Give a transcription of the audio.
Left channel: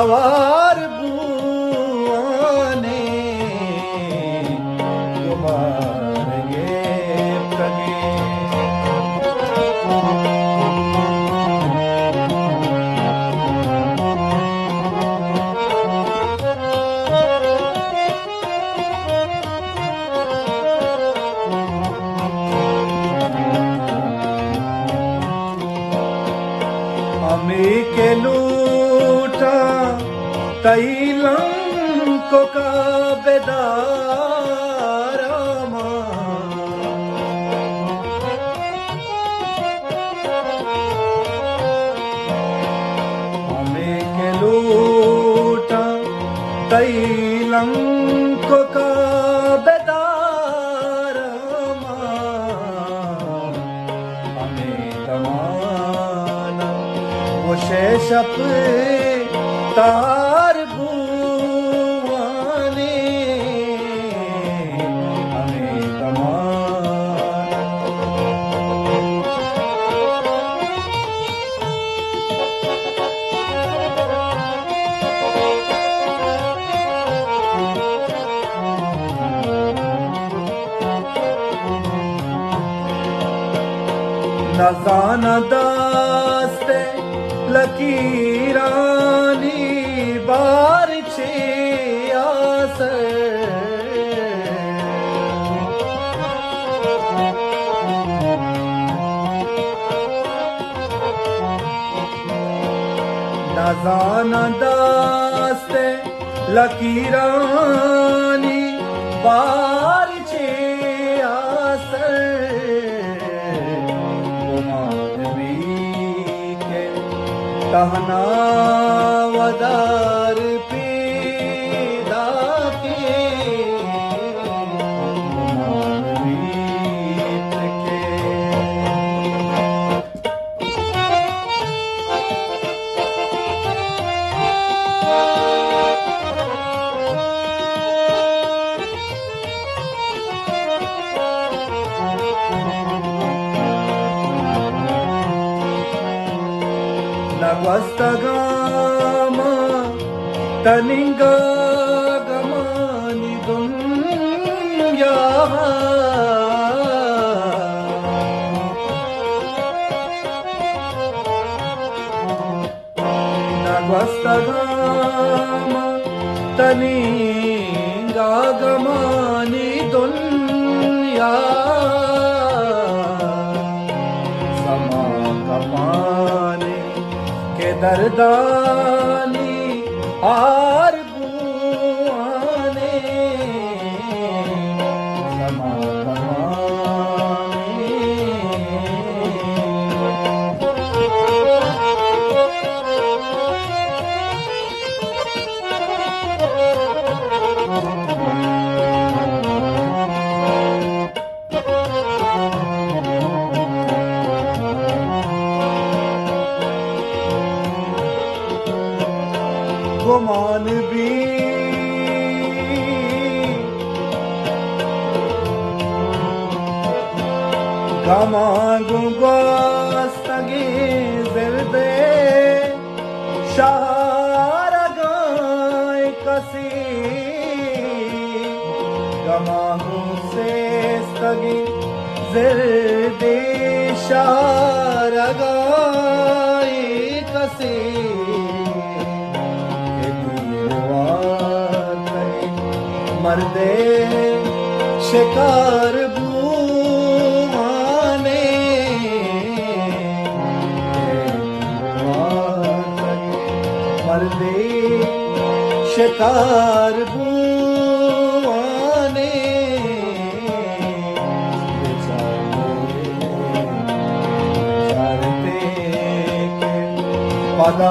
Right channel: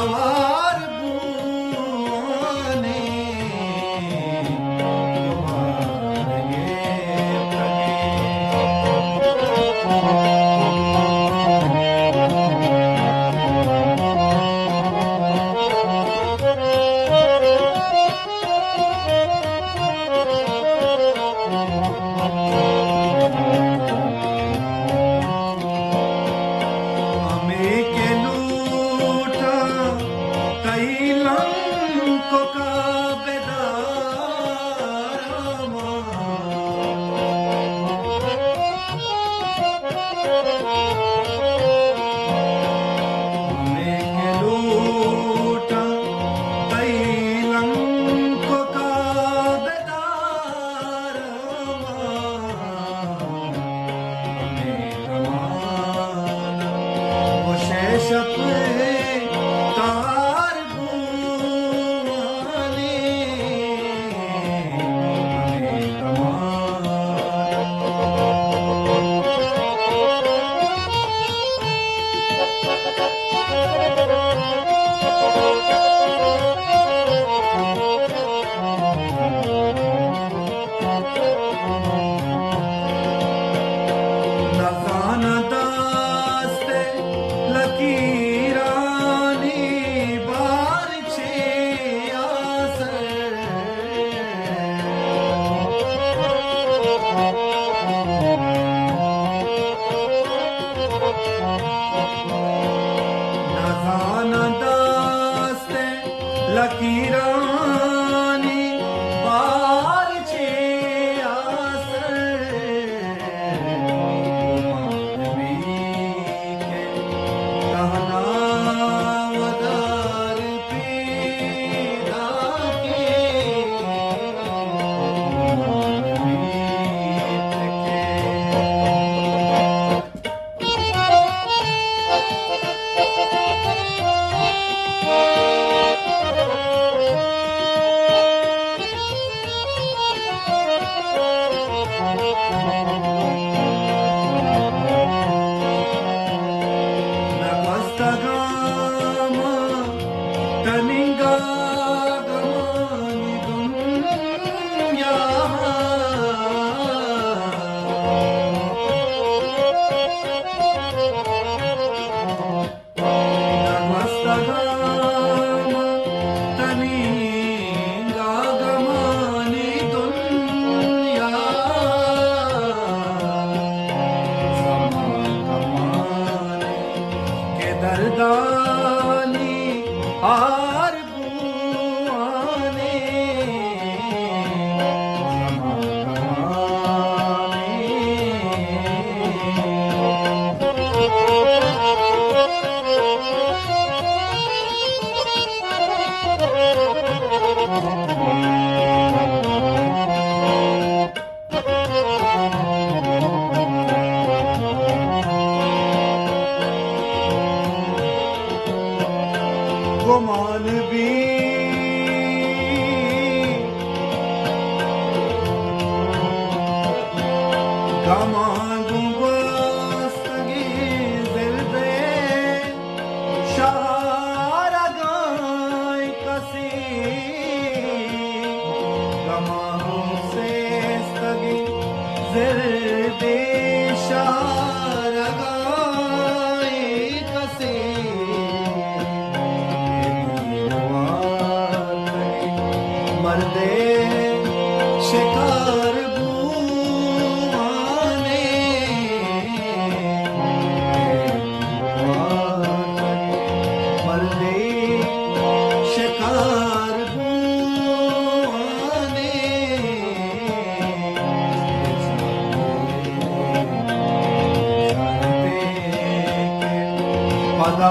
सवार बुआने कुमार ये प्रगे के लूटा तैलंको का बेदारामा हमें के लूटा तैलंको का बेदारामा हमें तमाना वो शेषप तार बुआने हमें तमाना नजाना दास्ते लकीरानी बार छे आसर नजाना दास्ते लकीरानी बार छे आसर कहना वदार पीदा के मीत के Nagwastagama taninga gamani dunya Nagwastagama taninga gamani dunya sama kamane दरदानी आर बुआने गुमान भी गमागुबा सगे जिरदे शहारा गाय कसी गमागु से सगे जिरदे शहारा गाय कसी मर्दे शिकार बुआने मर्दे शिकार बुआने पदा